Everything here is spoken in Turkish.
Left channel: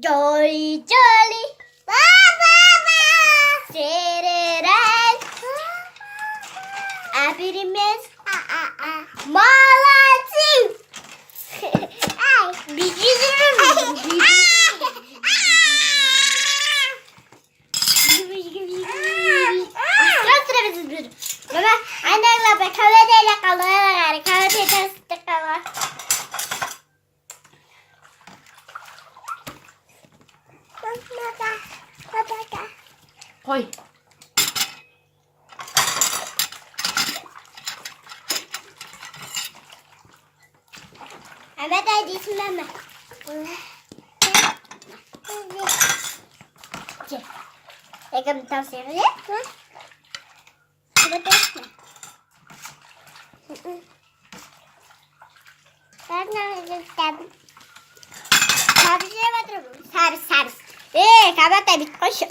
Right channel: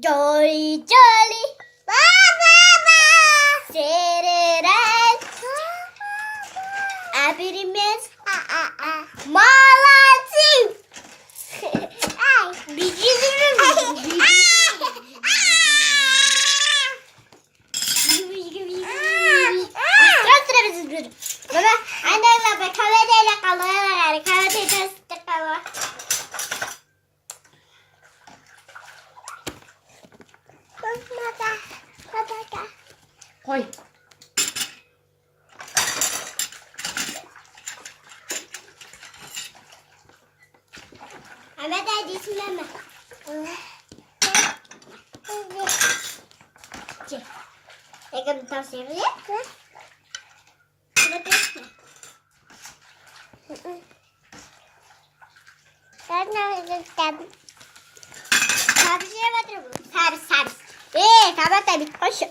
Jolly jolly. Sererel. Abirimiz. Malatif. Baba, anne baba kahveyle kalır. Kahve testi kalır. Koy. Ahmet hadi isimlenme. Yakın bir tavsiye vereyim. Şurada bekle. Ben ne istedim? Servise batırım. Servis. Kahve tabii. Koş.